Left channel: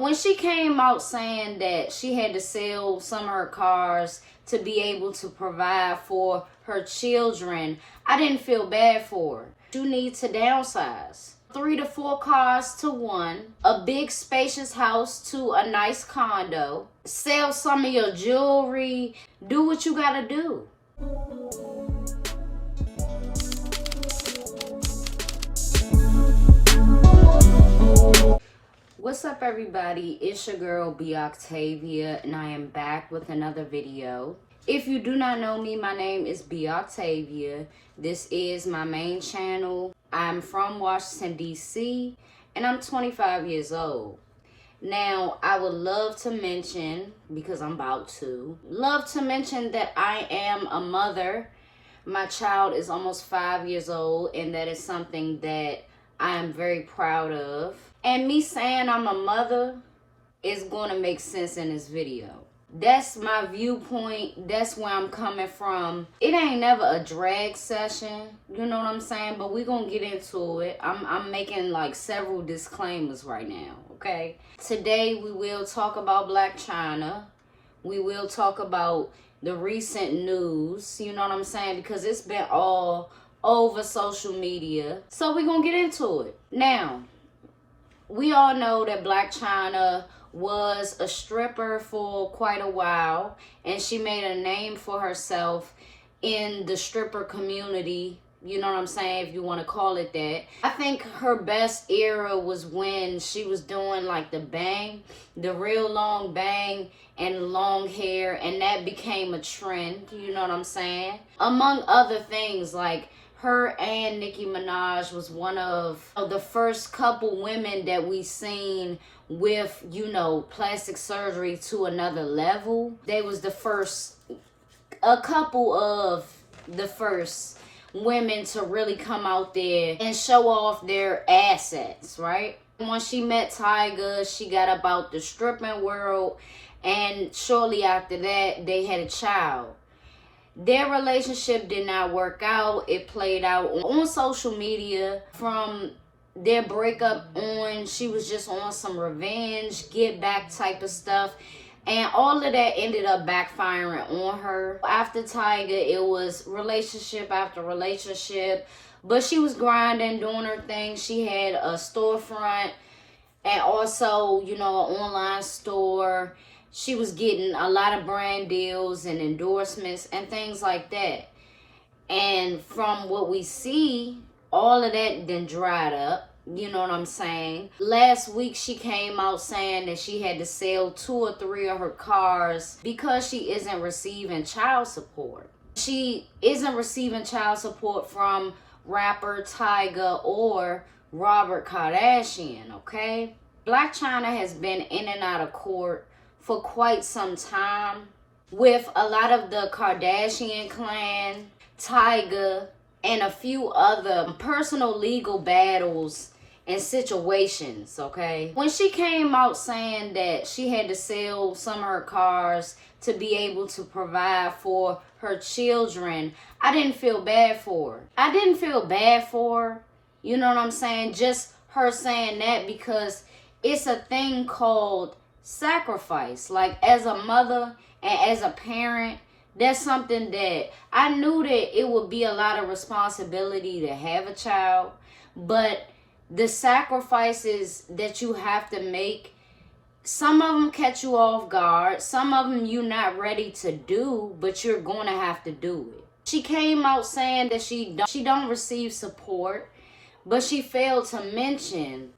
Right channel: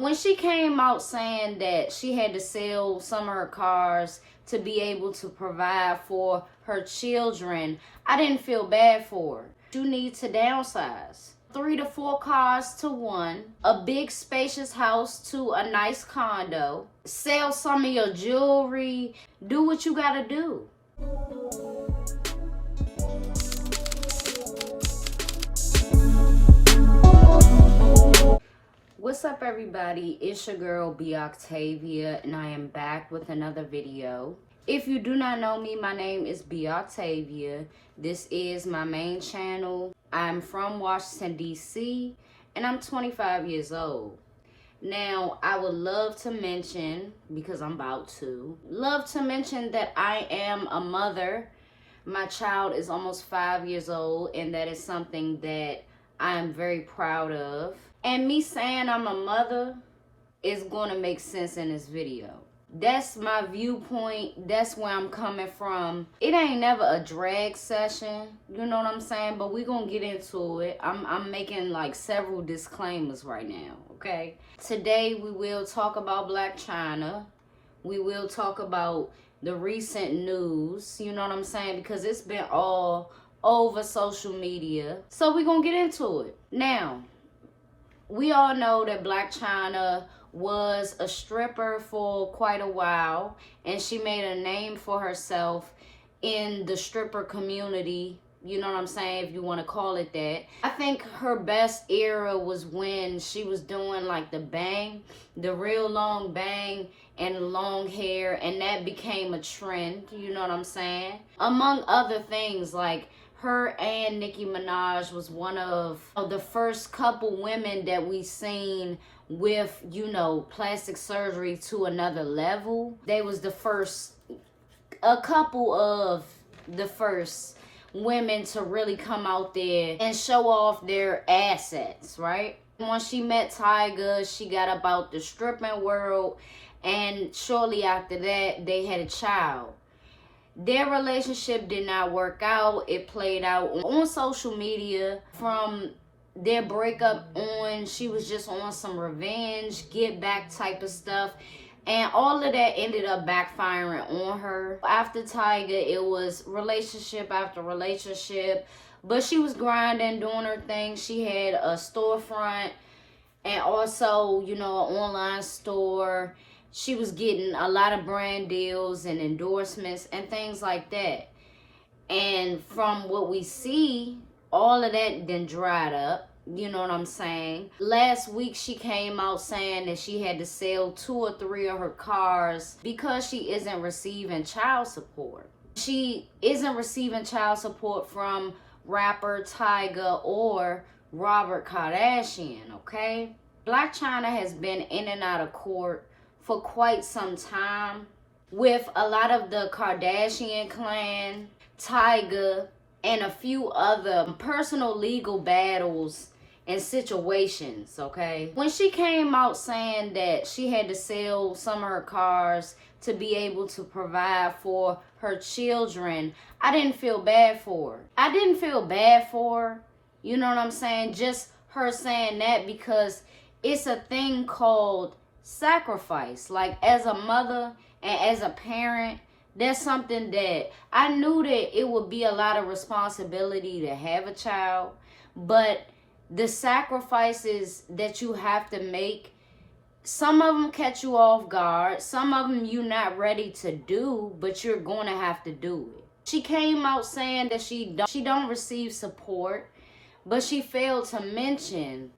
when she came out saying that she had to sell some of her cars to be able to provide for her children, I didn't feel bad for her. You need to downsize. 3 to 4 cars to 1, a big spacious house to a nice condo, sell some of your jewelry, do what you gotta do. What's up, everybody? It's your girl Octavia, and I am back with another video. If you do not know me, my name is Octavia. This is my main channel. I'm from Washington, D.C., and I'm 25 years old. Now, I would love to mention, because I'm about to, that I am a mother. My child is almost 5 years old, and that is something that I am very proud of. And me saying I'm a mother is going to make sense in this video. That's my viewpoint. That's where I'm coming from. It ain't never a drag session, you know what I'm saying? But we're going to get into it. I'm making like several disclaimers right now, okay? Today we will talk about Blac Chyna. We will talk about the recent news, you know what I'm saying? Because it's been all over social media. So we're going to get into it. Now, we all know that Blac Chyna was a stripper for quite a while, and she made a name for herself in the stripper community, you know what I'm saying, if you want to call it that. I think her best era was when she was doing like the bang, the real long bang and long hair, and that became a trend, you know what I'm saying? Among other things, like her and Nicki Minaj was one of the first couple women that we seen with, you know, plastic surgery to another level. They was a couple of the first women to really come out there and show off their assets, right? Once she met Tyga, she got about the stripping world, and shortly after that, they had a child. Their relationship did not work out. It played out on social media. From their breakup on, she was just on some revenge, get back type of stuff. And all of that ended up backfiring on her. After Tyga, it was relationship after relationship. But she was grinding, doing her thing. She had a storefront and also, you know, an online store. She was getting a lot of brand deals and endorsements and things like that. And from what we see, all of that then dried up. You know what I'm saying? Last week, she came out saying that she had to sell 2 or 3 of her cars because she isn't receiving child support. She isn't receiving child support from rapper Tyga or Robert Kardashian, okay? Blac Chyna has been in and out of court for quite some time with a lot of the Kardashian clan, Tyga, and a few other personal legal battles and situations, okay? When she came out saying that she had to sell some of her cars to be able to provide for her children, I didn't feel bad for her. I didn't feel bad for her, you know what I'm saying? Just her saying that, because it's a thing called sacrifice. Like, as a mother and as a parent, that's something that I knew that it would be a lot of responsibility to have a child, but the sacrifices that you have to make, some of them catch you off guard, some of them you're not ready to do, but you're going to have to do it. She came out saying that she don't receive support, but she failed to mention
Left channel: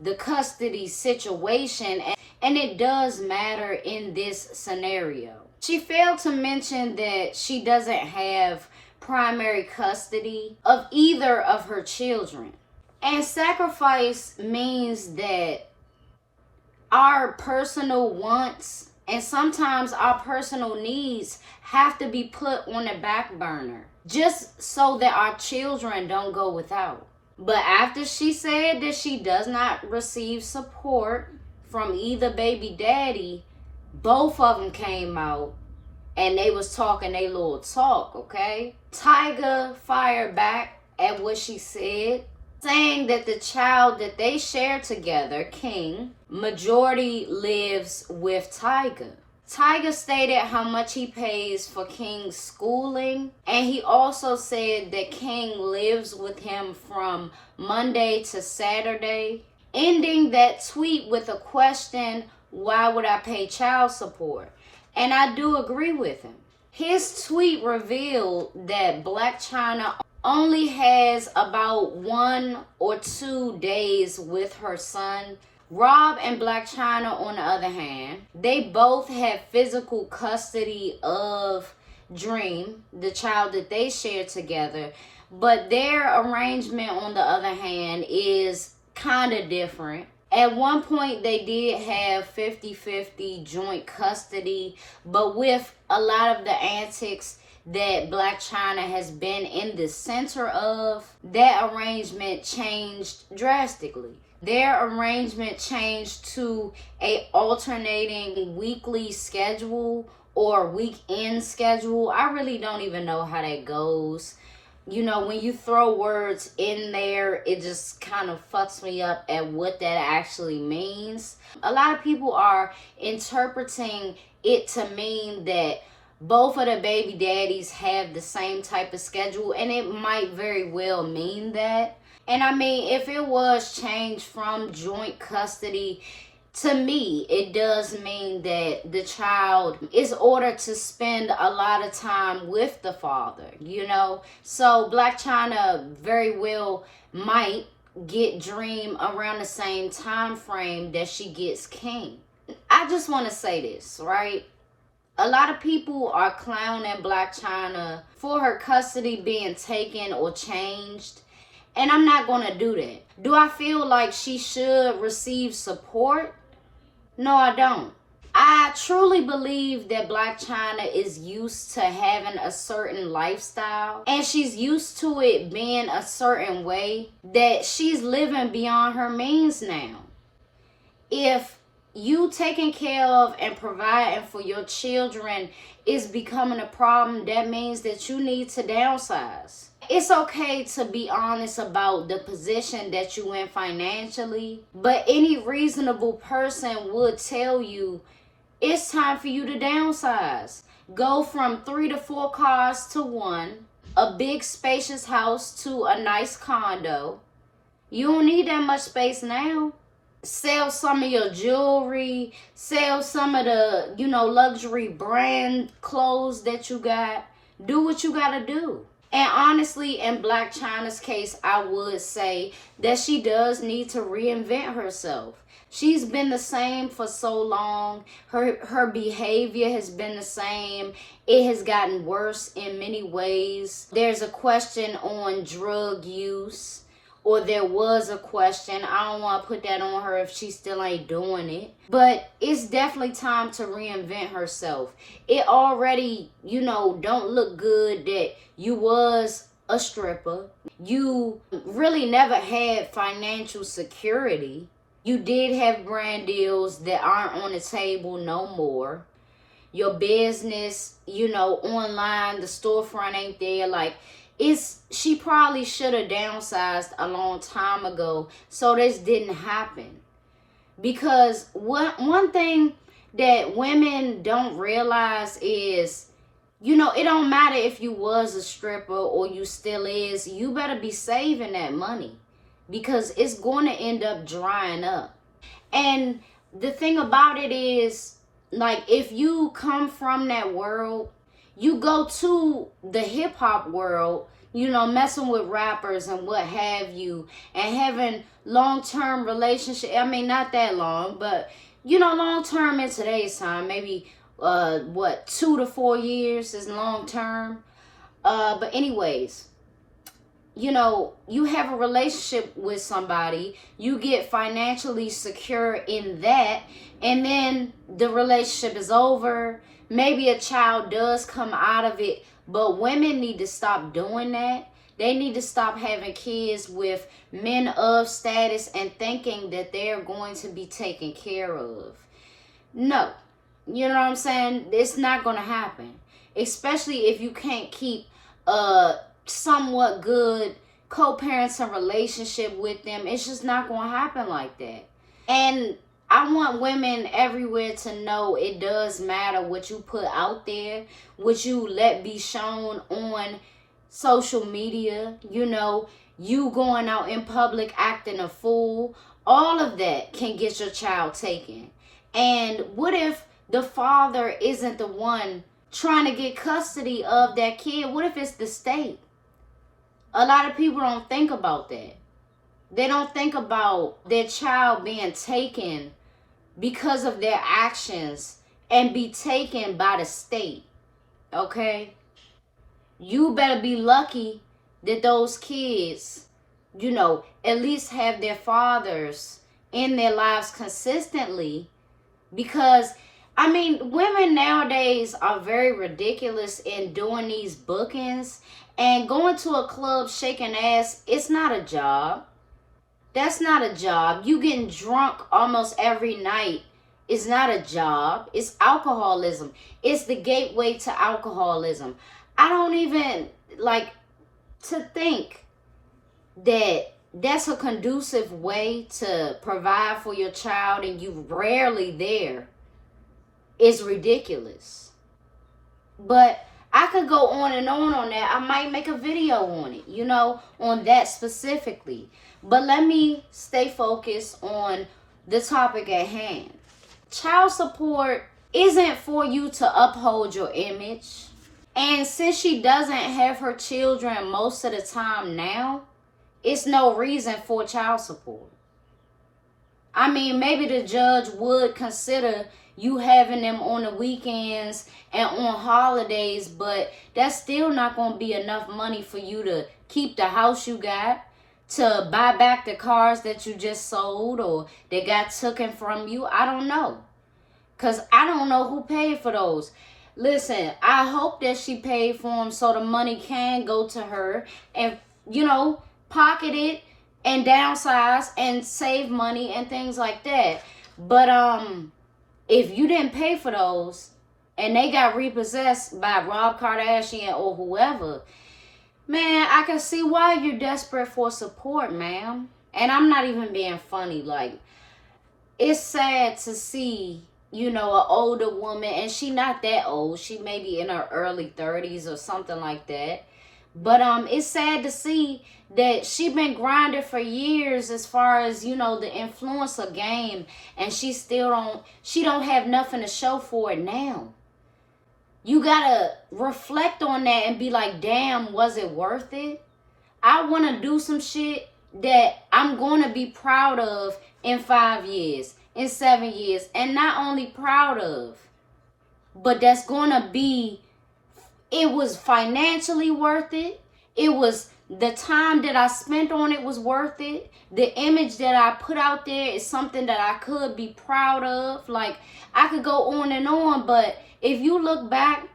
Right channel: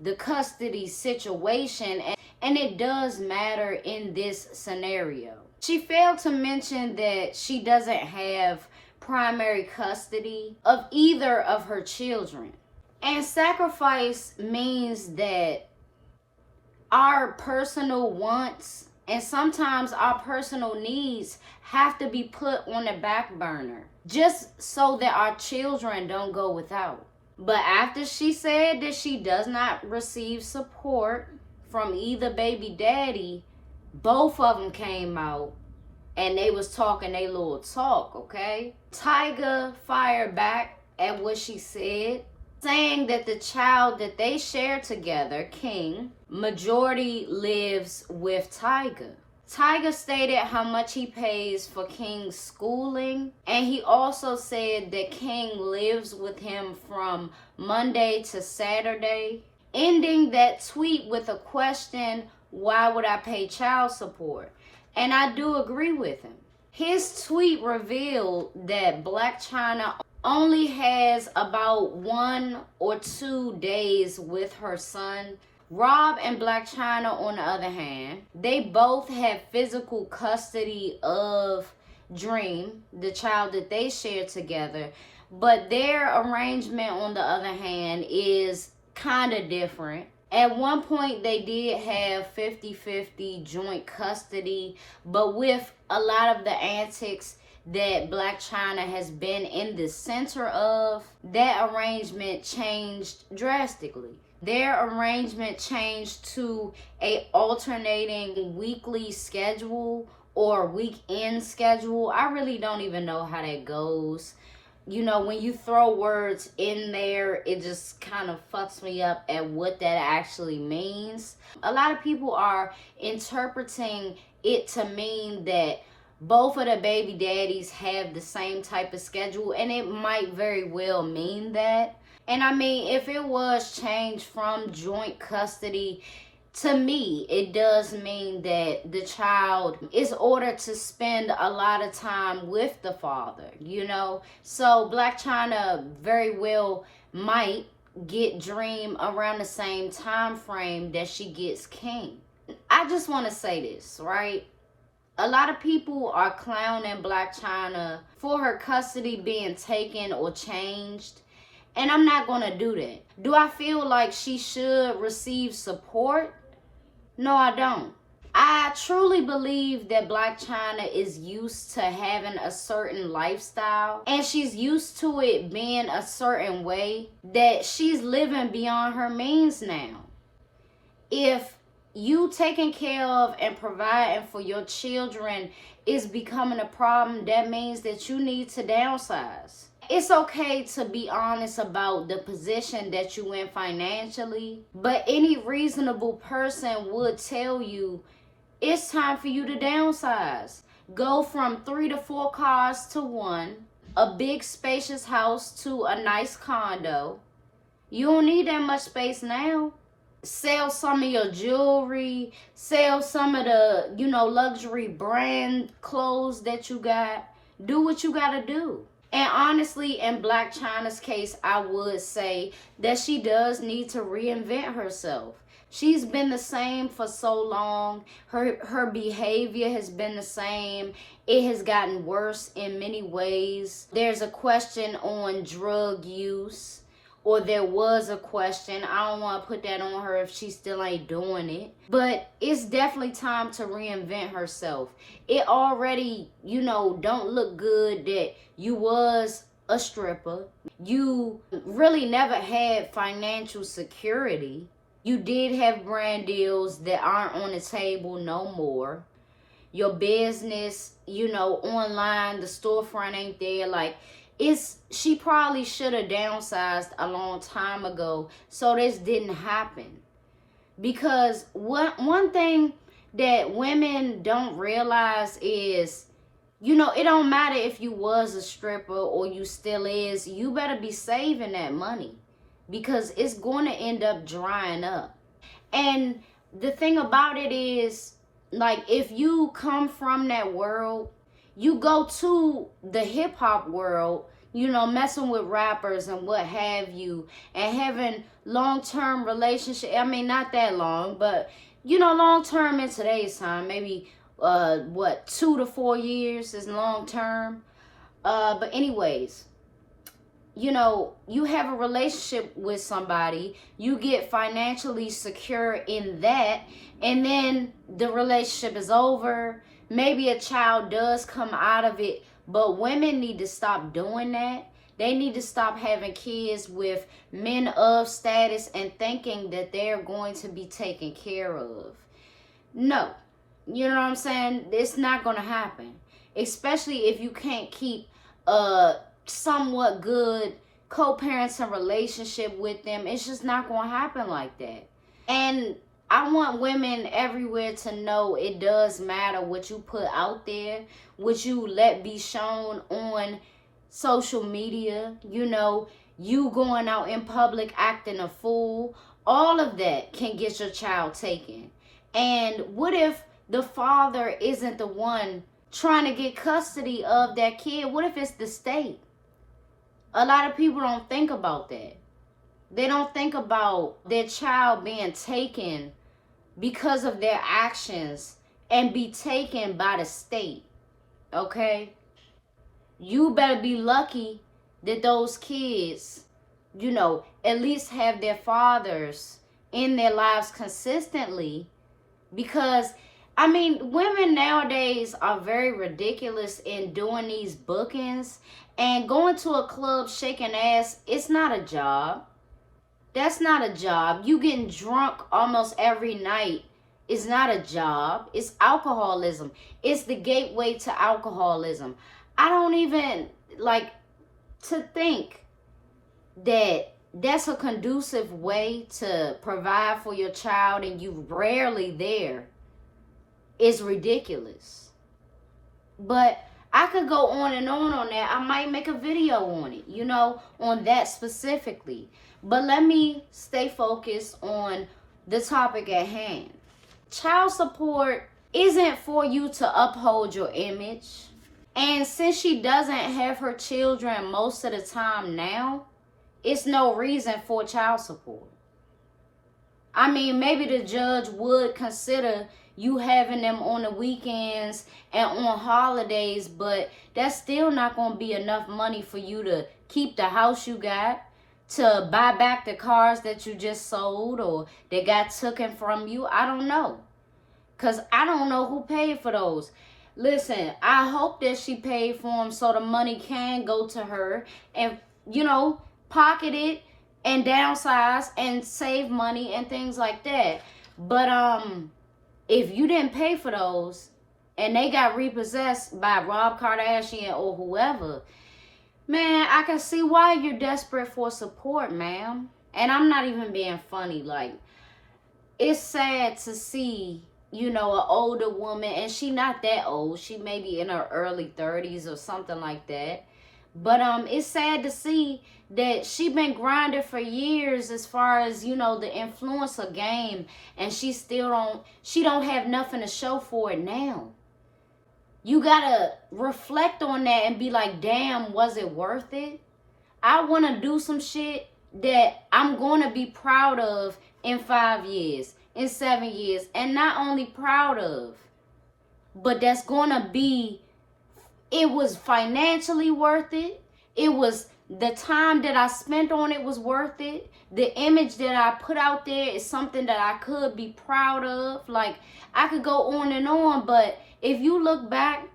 the custody situation, and it does matter in this scenario. She failed to mention that she doesn't have primary custody of either of her children. And sacrifice means that our personal wants and sometimes our personal needs have to be put on the back burner just so that our children don't go without. But after she said that she does not receive support from either baby daddy, both of them came out and they was talking their little talk, okay? Tyga fired back at what she said. saying that the child that they share together, King, majority lives with Tyga. Tyga stated how much he pays for King's schooling, and he also said that King lives with him from Monday to Saturday, ending that tweet with a question, why would I pay child support? And I do agree with him. His tweet revealed that Blac Chyna only has about 1 or 2 days with her son. Rob and Blac Chyna, on the other hand, they both have physical custody of Dream, the child that they share together. But their arrangement, on the other hand, is kind of different. At one point, they did have 50-50 joint custody, but with a lot of the antics that Blac Chyna has been in the center of, that arrangement changed drastically. Their arrangement changed to a alternating weekly schedule or weekend schedule. I really don't even know how that goes. You know, when you throw words in there, it just kind of fucks me up at what that actually means. A lot of people are interpreting it to mean that both of the baby daddies have the same type of schedule, and it might very well mean that. And I mean, if it was changed from joint custody, to me, it does mean that the child is ordered to spend a lot of time with the father, you know? So Blac Chyna very well might get Dream around the same time frame that she gets King. I just want to say this, right? A lot of people are clowning Blac Chyna for her custody being taken or changed. And I'm not going to do that. Do I feel like she should receive support? No, I don't. I truly believe that Blac Chyna is used to having a certain lifestyle, and she's used to it being a certain way, that she's living beyond her means now. If you taking care of and providing for your children is becoming a problem, that means that you need to downsize. It's okay to be honest about the position that you in financially, but any reasonable person would tell you it's time for you to downsize. Go from 3 to 4 cars to 1, a big spacious house to a nice condo. You don't need that much space now. Sell some of your jewelry, sell some of the, luxury brand clothes that you got. Do what you gotta do. And honestly, in Blac Chyna's case, I would say that she does need to reinvent herself. She's been the same for so long. Her behavior has been the same. It has gotten worse in many ways. There's a question on drug use, or there was a question. I don't want to put that on her if she still ain't doing it. But it's definitely time to reinvent herself. It already, don't look good that you was a stripper. You really never had financial security. You did have brand deals that aren't on the table no more. Your business, online, the storefront ain't there. She probably should have downsized a long time ago so this didn't happen. Because one thing that women don't realize is, it don't matter if you was a stripper or you still is. You better be saving that money because it's going to end up drying up. And the thing about it is, if you come from that world, you go to the hip hop world, messing with rappers and what have you, and having long-term relationship. I mean, not that long, but, long-term in today's time, maybe 2 to 4 years is long-term. But anyways, you have a relationship with somebody, you get financially secure in that, and then the relationship is over. Maybe a child does come out of it, but women need to stop doing that. They need to stop having kids with men of status and thinking that they're going to be taken care of. No. You know what I'm saying? It's not going to happen. Especially if you can't keep a somewhat good co-parenting relationship with them. It's just not going to happen like that. And I want women everywhere to know it does matter what you put out there, what you let be shown on social media, you know, you going out in public acting a fool. All of that can get your child taken. And what if the father isn't the one trying to get custody of that kid? What if it's the state? A lot of people don't think about that. They don't think about their child being taken because of their actions and be taken by the state. Okay? You better be lucky that those kids, you know, at least have their fathers in their lives consistently. Because, I mean, women nowadays are very ridiculous in doing these bookings. And going to a club shaking ass, it's not a job. That's not a job. You getting drunk almost every night is not a job. It's alcoholism. It's the gateway to alcoholism. I don't even like to think that that's a conducive way to provide for your child and you rarely there. Is ridiculous. But I could go on and on that. I might make a video on it, you know, on that specifically. But let me stay focused on the topic at hand. Child support isn't for you to uphold your image. And since she doesn't have her children most of the time now, it's no reason for child support. I mean, maybe the judge would consider you having them on the weekends and on holidays, but that's still not going to be enough money for you to keep the house you got, to buy back the cars that you just sold or that got taken from you. I don't know. Because I don't know who paid for those. Listen, I hope that she paid for them so the money can go to her and, you know, pocket it and downsize and save money and things like that. But if you didn't pay for those and they got repossessed by Rob Kardashian or whoever, man, I can see why you're desperate for support, ma'am. And I'm not even being funny. Like, it's sad to see, you know, an older woman, and she not that old. She may be in her early 30s or something like that. But it's sad to see that she been grinding for years as far as, you know, the influencer game, and she don't have nothing to show for it now. You gotta reflect on that and be like, damn, was it worth it? I want to do some shit that I'm going to be proud of in 5 years, in 7 years, and not only proud of, but that's going to be, it was financially worth it. It was the time that I spent on it was worth it. The image that I put out there is something that I could be proud of. Like, I could go on and on, but if you look back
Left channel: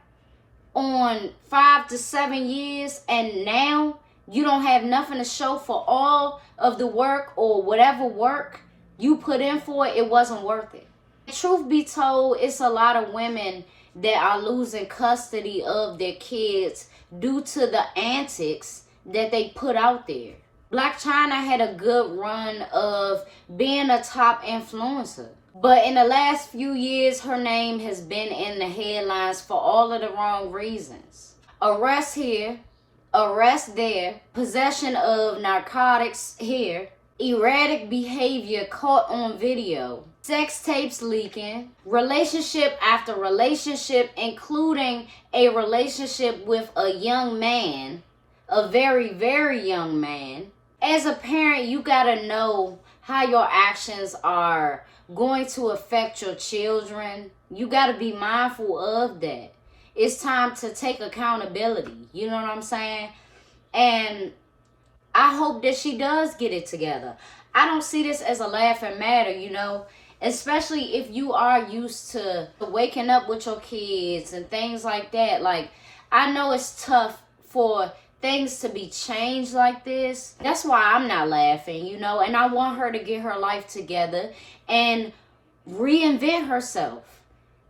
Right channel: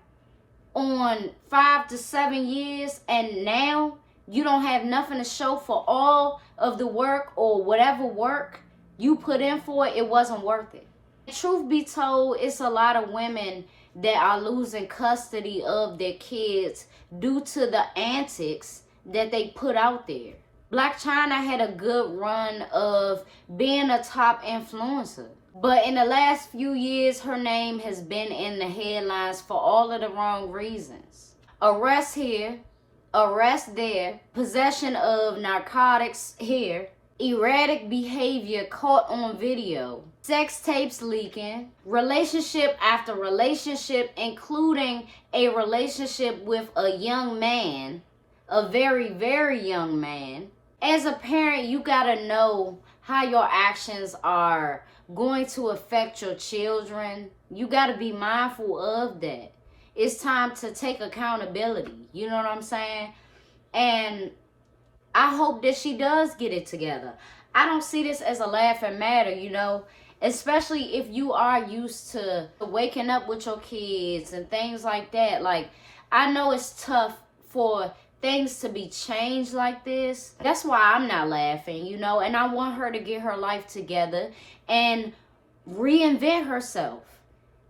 on 5 to 7 years and now you don't have nothing to show for all of the work or whatever work you put in for it, it wasn't worth it. Truth be told, it's a lot of women that are losing custody of their kids due to the antics that they put out there. Blac Chyna had a good run of being a top influencer. But in the last few years, her name has been in the headlines for all of the wrong reasons. Arrest here, arrest there, possession of narcotics here, erratic behavior caught on video, sex tapes leaking, relationship after relationship, including a relationship with a young man, a very, very young man. As a parent, you gotta know how your actions are going to affect your children. You gotta be mindful of that. It's time to take accountability. You know what I'm saying? And I hope that she does get it together. I don't see this as a laughing matter, you know, especially if you are used to waking up with your kids and things like that. Like, I know it's tough for things to be changed like this. That's why I'm not laughing, you know, and I want her to get her life together and reinvent herself.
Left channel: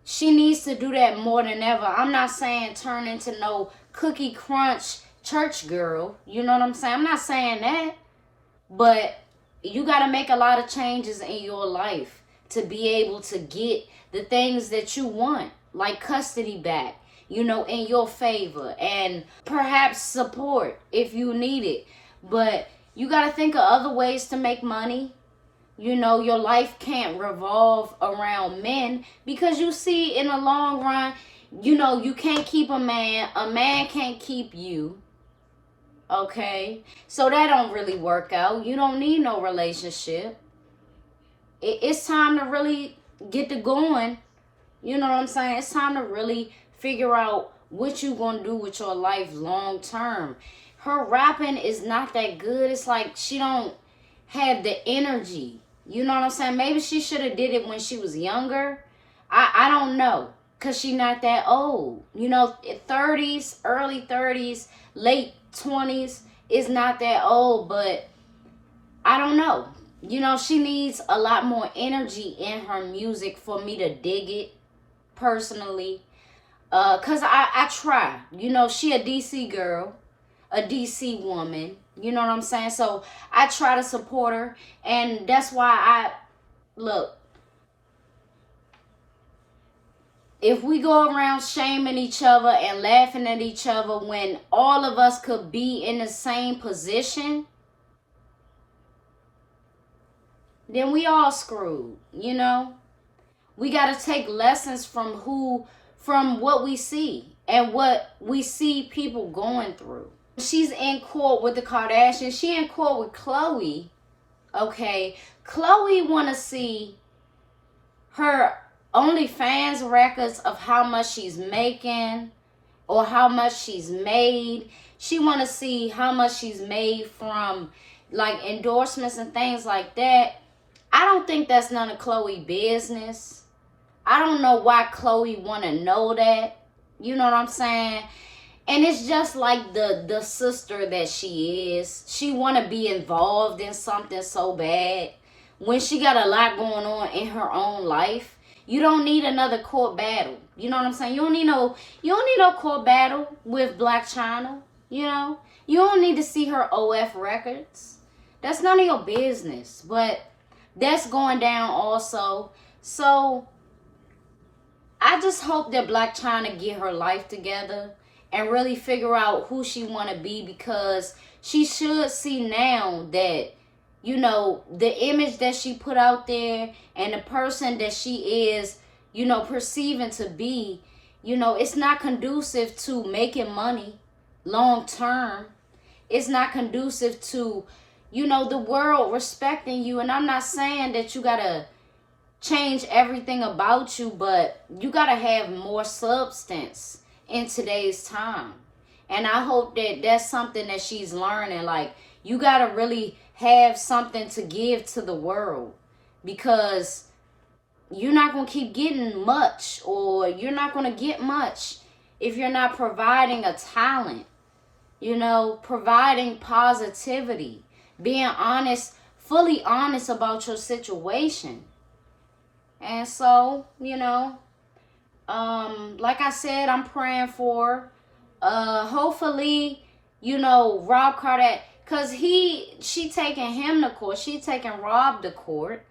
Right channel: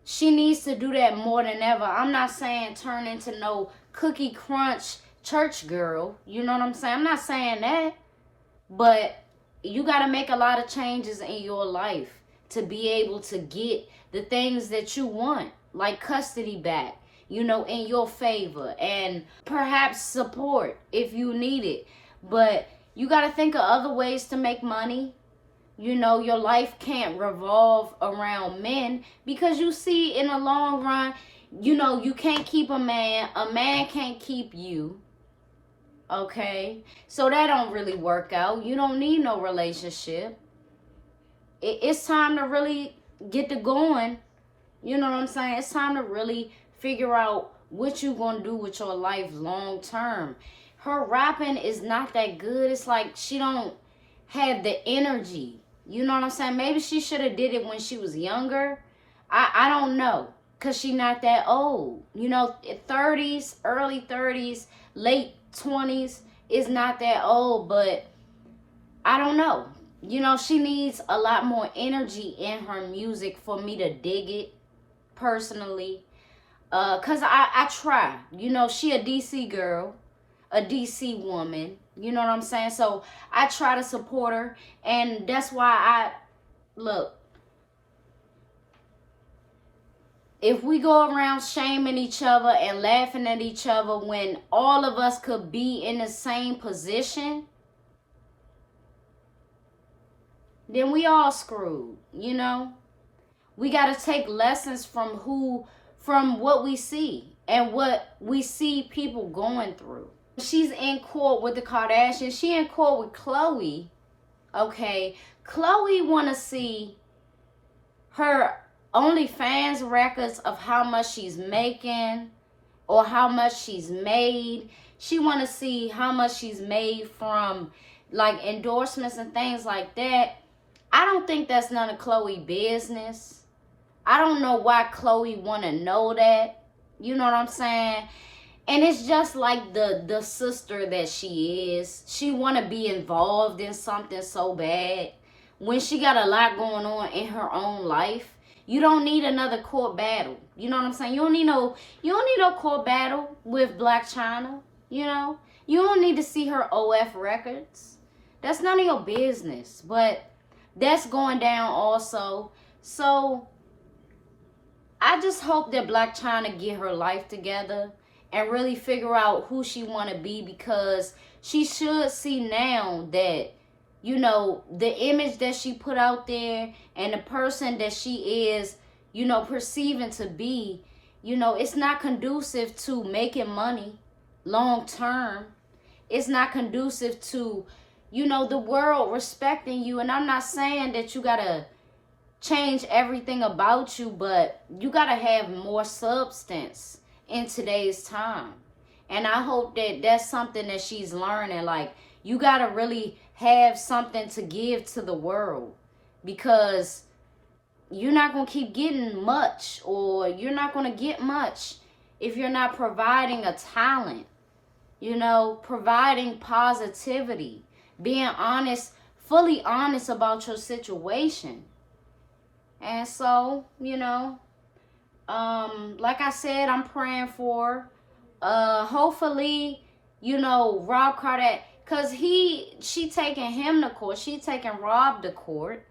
She needs to do that more than ever. I'm not saying turn into no cookie crunch church girl. You know what I'm saying? I'm not saying that. But you got to make a lot of changes in your life to be able to get the things that you want, like custody back, you know, in your favor, and perhaps support if you need it. But you got to think of other ways to make money. You know, your life can't revolve around men, because you see, in the long run, you know, you can't keep a man can't keep you. Okay, so that don't really work out. You don't need no relationship. It's time to really get to going. You know what I'm saying? It's time to really figure out what you gonna do with your life long term. Her rapping is not that good. It's like she don't have the energy. You know what I'm saying? Maybe she should have did it when she was younger. I don't know, because she not that old. You know, 30s, early 30s, late 20s is not that old, but I don't know. You know, she needs a lot more energy in her music for me to dig it personally. Cause I try. You know, she a DC girl, a DC woman. You know what I'm saying? So I try to support her, and that's why look. If we go around shaming each other and laughing at each other when all of us could be in the same position, then we all screwed, you know? We got to take lessons from what we see and what we see people going through. She's in court with the Kardashians. She in court with Khloe. Okay, Khloe want to see her OnlyFans records of how much she's making or how much she's made. She want to see how much she's made from like endorsements and things like that. I don't think that's none of Khloe business. I don't know why Khloe want to know that. You know what I'm saying? And it's just like the sister that she is. She want to be involved in something so bad when she got a lot going on in her own life. You don't need another court battle. You know what I'm saying? You don't need no court battle with Blac Chyna. You know? You don't need to see her OF records. That's none of your business. But that's going down also. So I just hope that Blac Chyna get her life together and really figure out who she want to be, because she should see now that, you know, the image that she put out there and the person that she is, you know, perceiving to be, you know, it's not conducive to making money long term. It's not conducive to, you know, the world respecting you. And I'm not saying that you got to change everything about you, but you got to have more substance in today's time. And I hope that that's something that she's learning. Like, you got to really have something to give to the world, because you're not going to keep getting much, or you're not going to get much if you're not providing a talent, you know, providing positivity, being honest, fully honest about your situation. And so, you know, like I said, I'm praying for hopefully, you know, Rob Kardashian, because she taking him to court. She taking Rob to court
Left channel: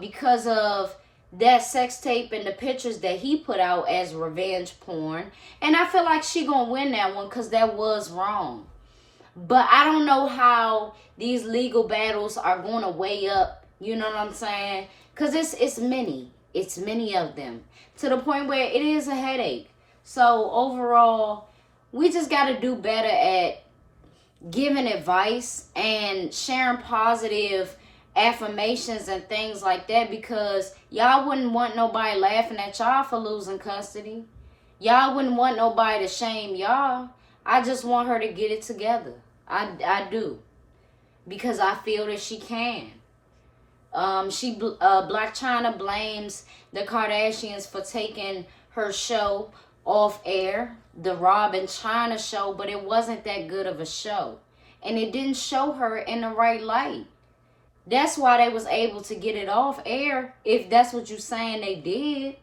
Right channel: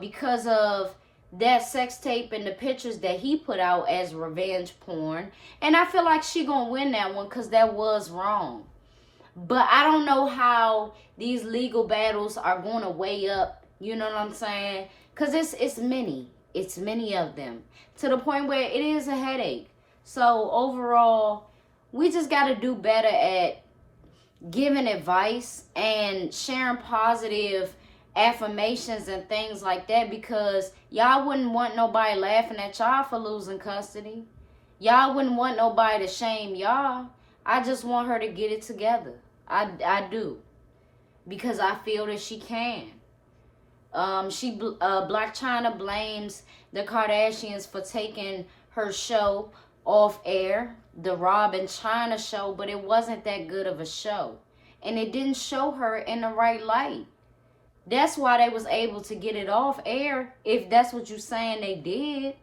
because of that sex tape and the pictures that he put out as revenge porn. And I feel like she gonna win that one, because that was wrong. But I don't know how these legal battles are going to weigh up, you know what I'm saying? Because it's many of them, to the point where it is a headache. So overall, we just got to do better at giving advice and sharing positive affirmations and things like that, because y'all wouldn't want nobody laughing at y'all for losing custody. Y'all wouldn't want nobody to shame y'all. I just want her to get it together. I do, because I feel that she can. Blac Chyna blames the Kardashians for taking her show off air, the Rob and Chyna show, but it wasn't that good of a show, and it didn't show her in the right light. That's why they was able to get it off air, if that's what you're saying they did.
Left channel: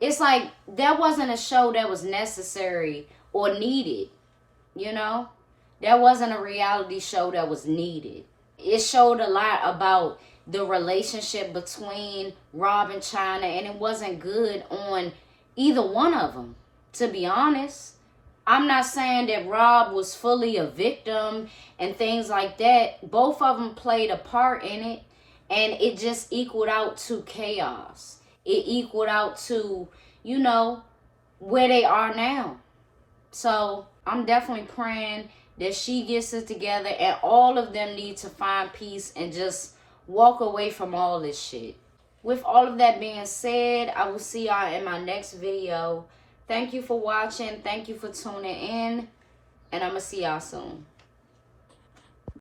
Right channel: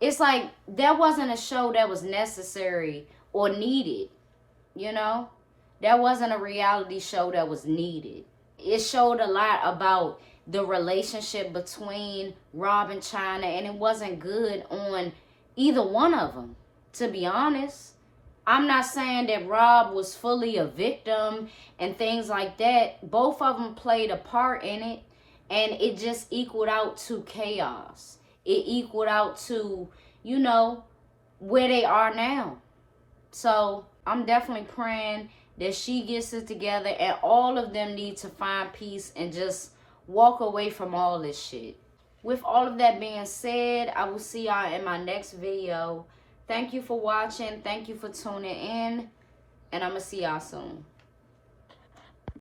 It's like that wasn't a show that was necessary or needed. you know? That wasn't a reality show that was needed. It showed a lot about the relationship between Rob and Chyna, and it wasn't good on either one of them, to be honest. I'm not saying that Rob was fully a victim and things like that. Both of them played a part in it, and it just equaled out to chaos. It equaled out to, you know, where they are now. So I'm definitely praying that she gets it together, and all of them need to find peace and just walk away from all this shit. With all of that being said, I will see y'all in my next video. Thank you for watching. Thank you for tuning in. And I'm going to see y'all soon.